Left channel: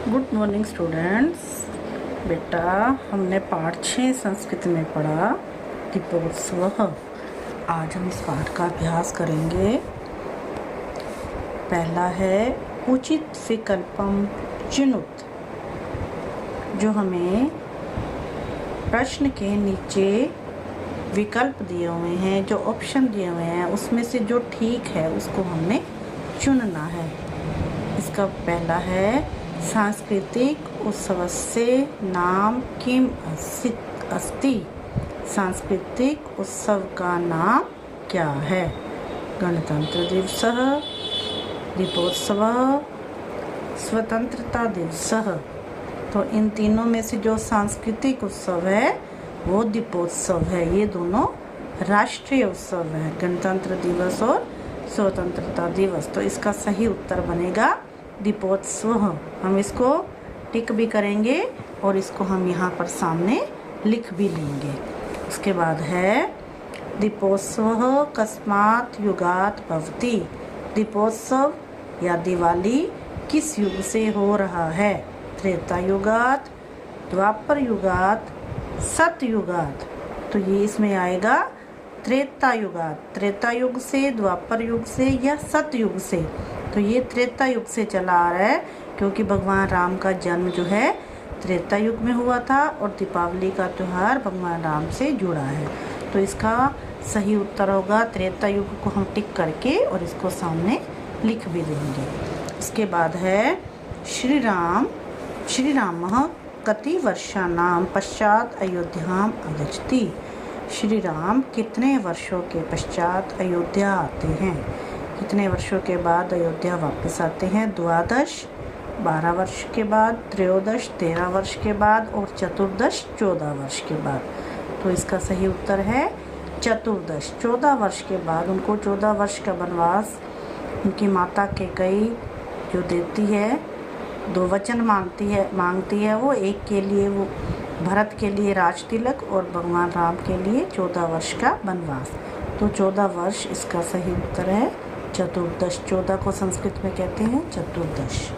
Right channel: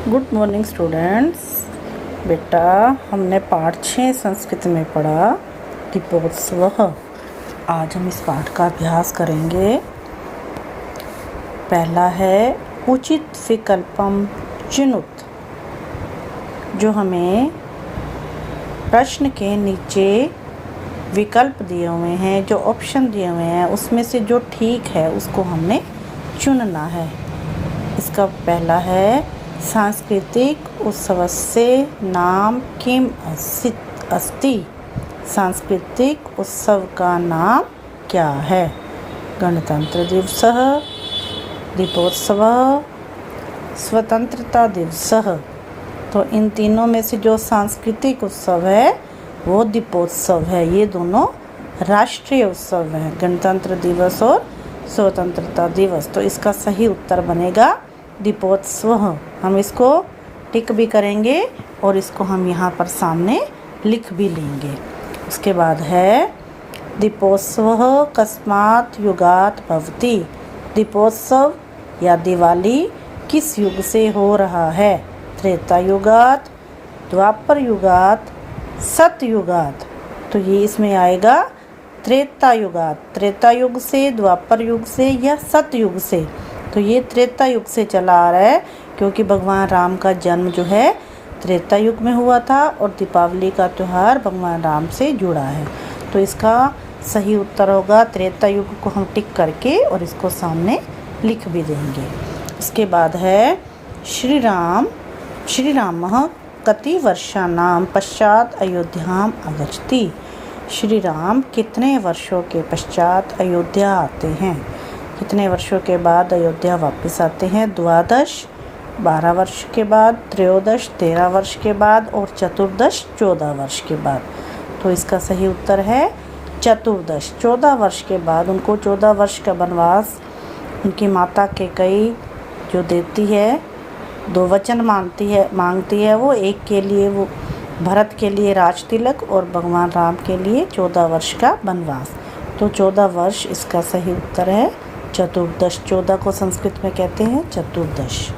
Good morning students. बेटा, हमने पाठ 6 संस्कृत में पढ़ा दीपोत्सव। आज हम इस पाठ का अभ्यास करेंगे। पहला है उचित विकल्पम चिनुत। जो हमें प्रश्न के नीचे विकल्प दिए हुए हैं, जो ऑप्शन दिए हुए हैं, उसमें से जो ठीक है उसको हमने चुनना है। इसका पहला है सांस्कृतिक उत्सवस्य नाम किम अस्ति। सांस्कृतिक उत्सव का नाम क्या है? गणतंत्र दिवस, दीपोत्सव, स्वतंत्रता दिवस। तो इन तीनों में से जो सांस्कृतिक उत्सव है वो दीपोत्सव है। ये दोनों राष्ट्रीय उत्सव हैं, गणतंत्र दिवस और स्वतंत्रता दिवस। तो इसका सही उत्तर बनेगा दीपोत्सव। हम इसको टिक भी करेंगे और इसको हम यहाँ पर सामने लिख भी लेंगे। उसके बाद है दीपोत्सव कस्मात् युगात् भवति। दीपोत्सव या दिवाली किस युग से हो रहा है? त्रेता युगात्, द्वापर युगात्, सतयुगात्। तो ये इसमें आएगा त्रेता युगात्। त्रेता युग से, द्वापर युग से या सतयुग से। तो ये त्रेता युग से चला आ रहा है, क्योंकि भगवान राम का जन्म जो है त्रेता युग में हुआ था और दीपावली का त्यौहार भगवान राम से जुड़ा है। तो इसका सही उत्तर होगा त्रेता युग को हम टिक करके और इसको सामने लिख भी देंगे। उसके बाद है श्री रामः कति वर्षाणां पश्चात अयोध्याम आगच्छति। श्री राम कितने वर्षों के पश्चात अयोध्या आते हैं? कितने वर्षों के बाद अयोध्या वापस आते हैं? 12 वर्ष के बाद, त्रयोदश 13 वर्ष के बाद और चतुर्दश 14 वर्ष के बाद। तो इसका सही उत्तर है चतुर्दश। 14 वर्ष के बाद उनको 14 वर्ष का वनवास उनकी माता कैकेयी जो देती है, 2 वचन मांगती है वो। एक के लिए वो भरत के लिए राज तिलक और भगवान राम के लिए 14 वर्ष का वनवास। तो 14 वर्ष इसका सही उत्तर है चतुर्दश। 14 को संस्कृत में कहते हैं चतुर्दश।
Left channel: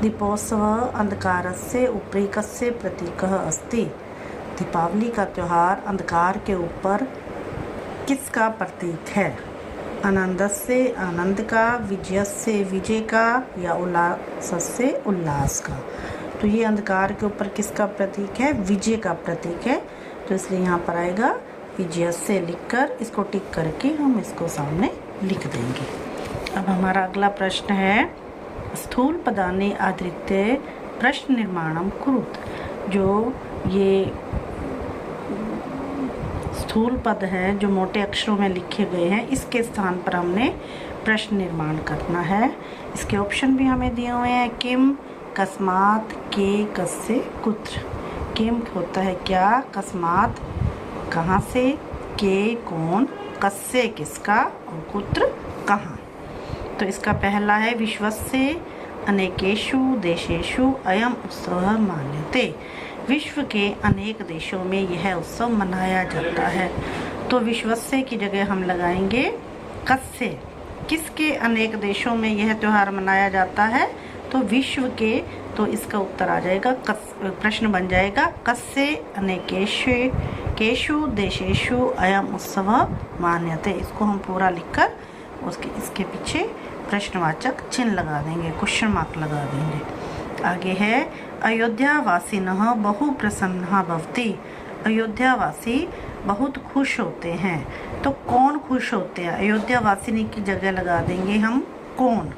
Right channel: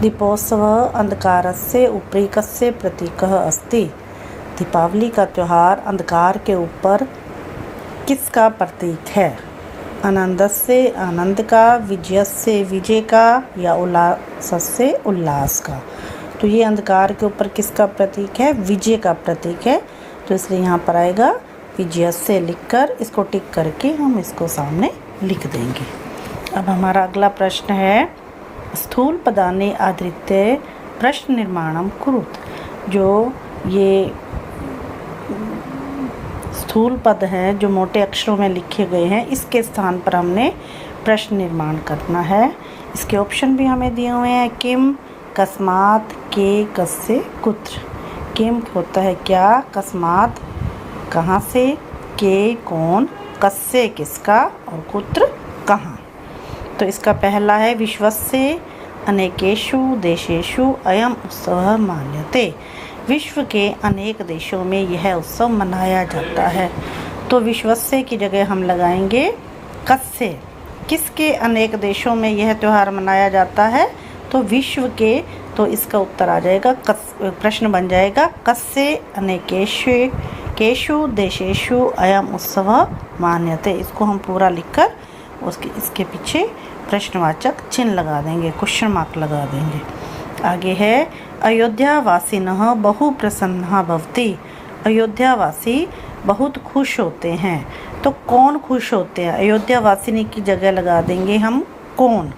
दीपोत्सव अंधकारस्य उपरीकस्य प्रतीकः अस्ति। दीपावली का त्यौहार अंधकार के ऊपर किसका प्रतीक है? आनंदस्य आनंद का, विजयस्य विजय का या उल्लासस्य उल्लास का। तो ये अंधकार के ऊपर किसका प्रतीक है? विजय का प्रतीक है। तो इसलिए यहाँ पर आएगा विजयस्य लिखकर इसको टिक करके हम इसको सामने लिख देंगे। अब हमारा अगला प्रश्न है स्थूल पदानि आधृत्य प्रश्न निर्माणम कुरुत। जो ये स्थूल पद हैं जो मोटे अक्षरों में लिखे गए हैं, इसके स्थान पर हमने प्रश्न निर्माण करना है। इसके ऑप्शन भी हमें दिए हुए हैं। किम, कस्मात्, के, कस्य, कुत्र। किम होता है क्या, कस्मात् कहाँ से, के कौन, कस्य किसका और कुत्र कहाँ। तो इसका पहला है विश्वस्य अनेकेषु देशेषु अयम उत्सवः मान्यते। विश्व के अनेक देशों में यह उत्सव मनाया जाता है। तो विश्वस्य की जगह हम लगाएंगे कस्य। किसके अनेक देशों में यह त्यौहार मनाया जाता है? तो विश्व के। तो इसका उत्तर आ जाएगा प्रश्न बन जाएगा कस्य अनेकेषु देशेषु अयम उत्सव मान्यते। इसको हम पूरा लिखकर इसके पीछे प्रश्नवाचक चिन्ह लगा देंगे, क्वेश्चन मार्क लगा देंगे। आगे है अयोध्यावासिनः बहु प्रसन्नः भवति। अयोध्यावासी बहुत खुश होते हैं। तो कौन खुश होते हैं? अयोध्यावासिनी की जगह लगा देंगे हम कौन।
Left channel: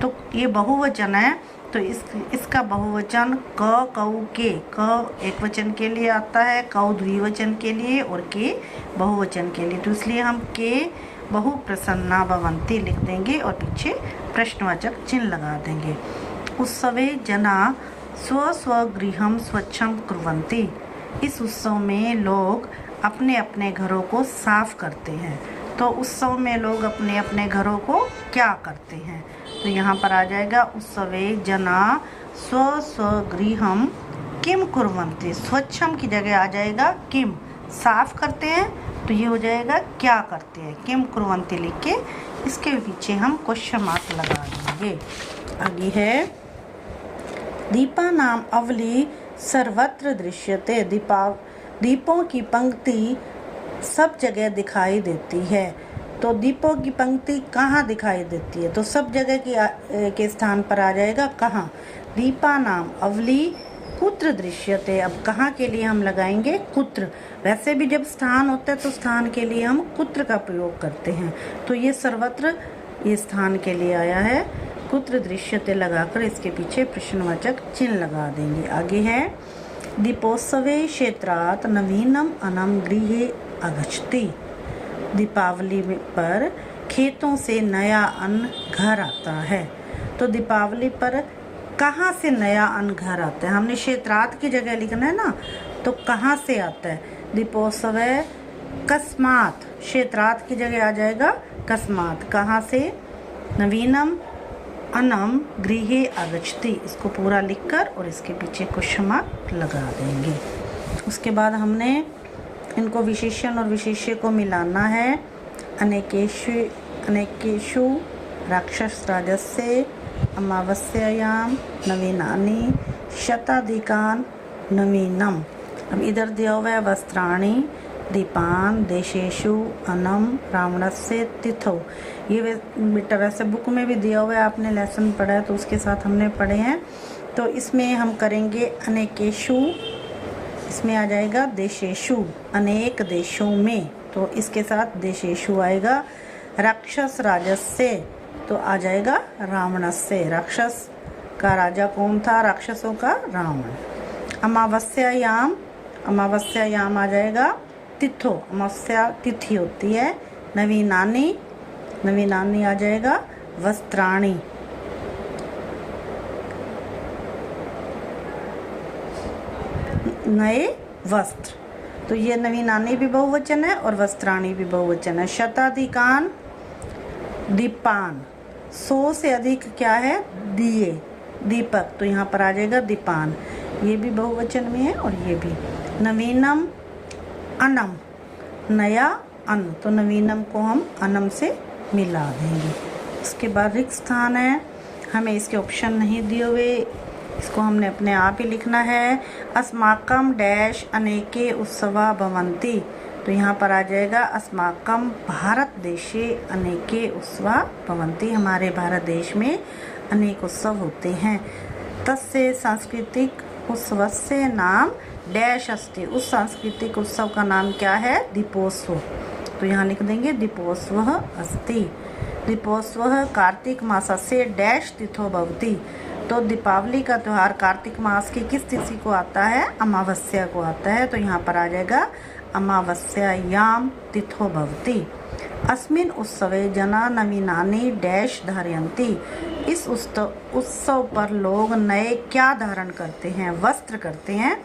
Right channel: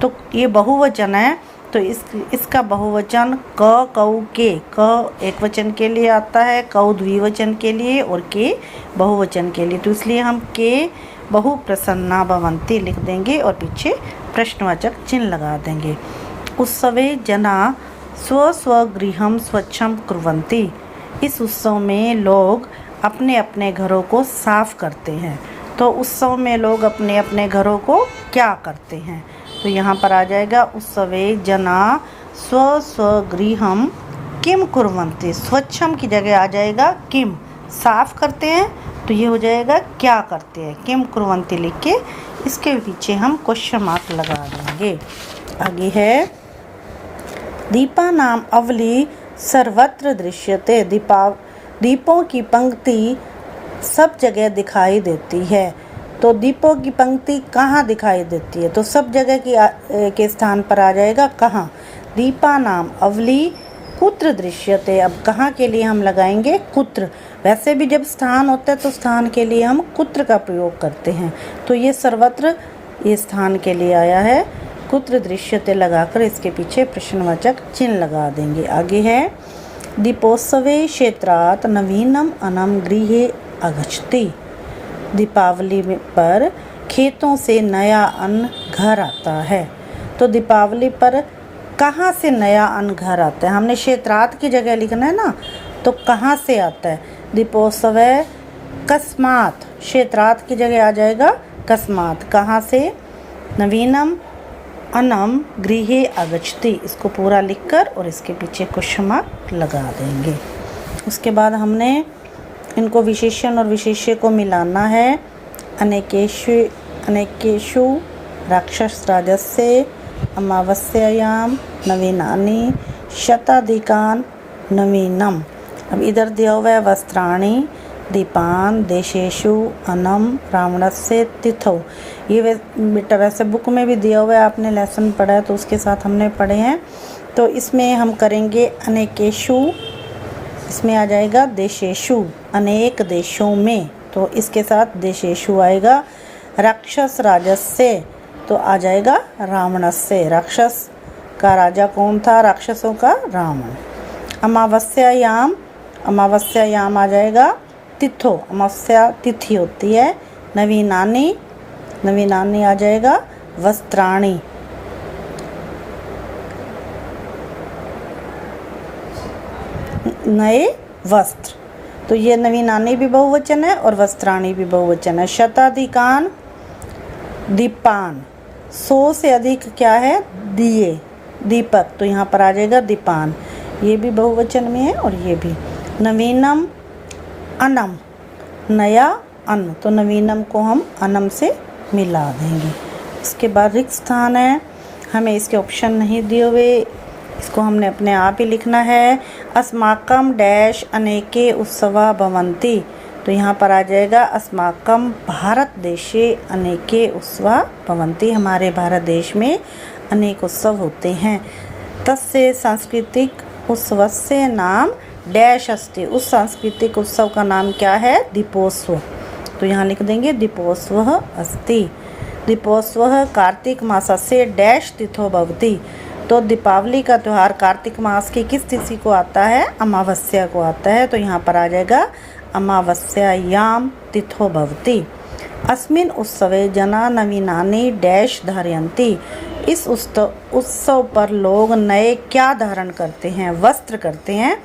तो ये बहुवचन है, तो इसका बहुवचन क, कऊ, के। क एक वचन के लिए आता है, कऊ द्विवचन के लिए और के बहुवचन के लिए। तो इसलिए हम के बहु प्रसन्ना भवन्ति लिख देंगे और पीछे प्रश्नवाचक चिन्ह लगा देंगे। उत्सवे जना स्वस्वगृहं स्वच्छं कुर्वन्ति। इस उत्सव में लोग अपने अपने घरों को साफ करते हैं। तो उत्सव में लोग अपने अपने घरों को क्या करते हैं? तो यहाँ पर आ जाएगा उत्सवे जना स्वस्वगृहं किम कुर्वन्ति। स्वच्छम की जगह आ जाएगा किम, साफ करते हैं। तो ये हो जाएगा क्या करते हैं, किम कुर्वन्ति लिख के इसके पीछे हम क्वेश्चन मार्क लगा देंगे। आगे है दीपा नाम अवली सर्वत्र दृश्यते। दीपों की पंक्ति सब जगह दिखाई देती है। तो दीपों की पंक्ति कहाँ दिखाई देती है? तो सब जगह के स्थान पर आ जाएगा कहाँ? दीपा नाम अवली कुत्र दृश्यते। अब कहाँ के लिए हम लगाएंगे? कुत्र। वैसे भी जब स्थान होता है तो स्थान के लिए हम कुत्र का प्रयोग करते हैं, तो ये सर्वत्र ये स्थान के लिए आया है। कुत्र दृश्यते लगाकर इसके पीछे प्रश्नवाचक चिन्ह लगा देंगे। आगे है दीपोत्सवे क्षेत्रात् नवीनम अनम गृहे आगच्छति। दीपावली पर खेतों से नया अन्न घर आता है। तो दीपावली पर कहाँ से नया अन्न घर आता है? हमने क्षेत्रात् की जगह लिखना है ना, तो कहाँ से आता है? दीपोत्सव कस्मात्, क्षेत्रात् की जगह आ जाएगा कस्मात्। कहाँ से? नवीनम अनम गृहे आगच्छति। इसको पूरा लिखकर और इसके पीछे क्वेश्चन मार्क लगा देंगे। उसके बाद हमने इनको विशेषण और विशेष्य को मिलाना है। अनेकेषु राक्षस राजस्य अमावस्यायां नवीनानि शताधिकान् नवीनम। अब इधर दिया हुआ है वस्त्राणि दीपान देशेषु अनम रावणस्य तिथौ। ये बेटा वैसे बुक में भी दिया हुआ है, आपने लेसन पढ़ा है तो उसके साथ हमने पढ़े हैं। तो इसमें हम करेंगे अनेकेषु, इसमें आ जाएगा देशेषु, अनेक देशों में, तो इसके साथ देशेषु आएगा। राक्षस राजस्य तो आ जाएगा रावणस्य। राक्षस का राजा कौन था? राक्षसों का रावण। अमावस्यायाम, अमावस्यायाम आ जाएगा तिथो, अमावस्या तिथि होती है। नवीनानि, नवीनानि आ जाएगा वस्त्राणि। नए वस्त्र, तो ये नवीनानि भी बहुवचन है और वस्त्राणि भी बहुवचन है। शताधिकान दीपान, 100 से अधिक क्या है? दिए, दीपक, तो यहाँ पर आ जाएगा दीपान। ये भी बहुवचन में है और ये भी। नवीनम अनम, नया अन्न, तो नवीनम को हम अनम से मिला देंगे। इसके बाद रिक्त स्थान है, हमें इसके ऑप्शन नहीं दिए हुए, इसको हमने अपने आप ही लिखना है। अस्माकम डैश अनेके उत्सवा भवन्ति। तो यहाँ पर आ जाएगा अस्माकम भारत देशे अनेके उत्सवा भवन्ति। हमारे भारत देश में अनेक उत्सव होते हैं। तस्य सांस्कृतिक उत्सवस्य नाम डैश अस्ति। उस सांस्कृतिक उत्सव का नाम क्या है? दीपोत्सव। तो यहाँ लिख देंगे दीपोत्सव अस्ति। दीपोत्सव कार्तिक मासस्य डैश तिथो भवति। तो दीपावली का त्यौहार कार्तिक मास की किस तिथि को आता है? अमावस्या को आता है। तो यहाँ पर आ जाएगा अमावस्यायाम तिथो भवति। अस्मिन् उत्सवे जना नवीनानि डैश धारयन्ति। इस उत्सव पर लोग नए क्या धारण करते हैं? वस्त्र करते हैं,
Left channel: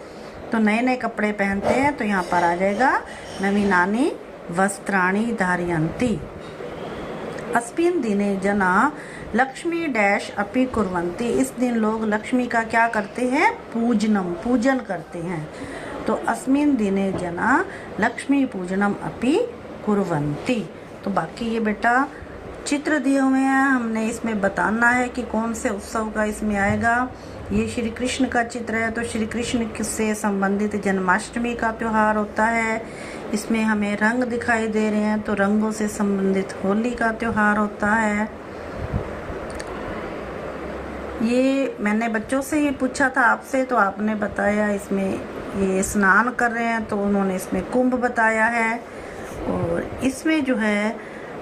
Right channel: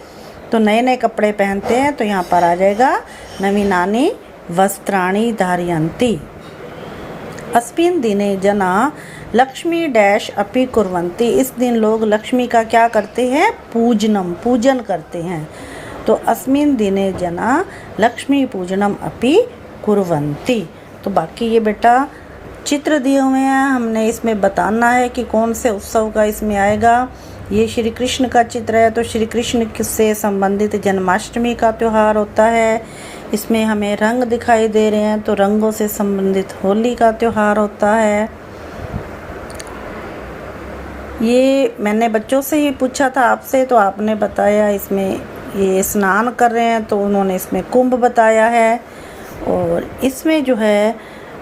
तो नए नए कपड़े पहनते हैं। तो यहाँ पर आ जाएगा नवीनानि वस्त्राणि धारयन्ति। अस्मिन् दिने जना लक्ष्मी डैश अपि कुर्वन्ति। इस दिन लोग लक्ष्मी का क्या करते हैं? पूजनम, पूजन करते हैं। तो अस्मिन् दिने जना लक्ष्मी पूजनम अपि कुर्वन्ति। तो बाकी ये बेटा चित्र दिए हुए हैं, हमने इसमें बताना है कि कौन से उत्सव का इसमें आएगा। ये श्री कृष्ण का चित्र है, तो श्री कृष्ण से संबंधित जन्माष्टमी का त्यौहार होता है। इसमें हमें रंग दिखाई दे रहे हैं, तो रंगों से संबंधित होली का त्यौहार होता है। ये मैंने बच्चों से ही पूछा था आपसे, तो आपने बताया इसमें ये स्नान कर रहे हैं, तो उन्होंने इसमें कुंभ बताया है। और इसमें जो है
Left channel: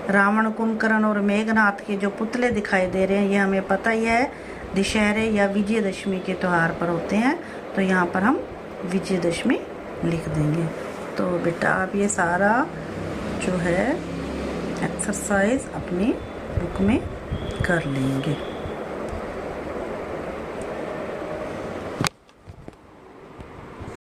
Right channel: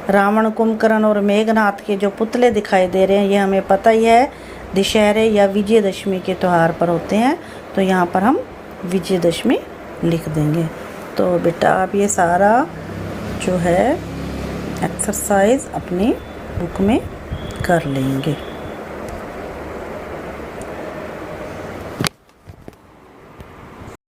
रावण, कुंभकर्ण और मेघनाथ के जो पुतले दिखाई दे रहे हैं, ये हमें पता ही है दशहरे या विजयदशमी के त्यौहार पर होते हैं। तो यहाँ पर हम विजयदशमी लिख देंगे। तो बेटा आप ये सारा जो है एक्सरसाइज अपनी बुक में कर लेंगे।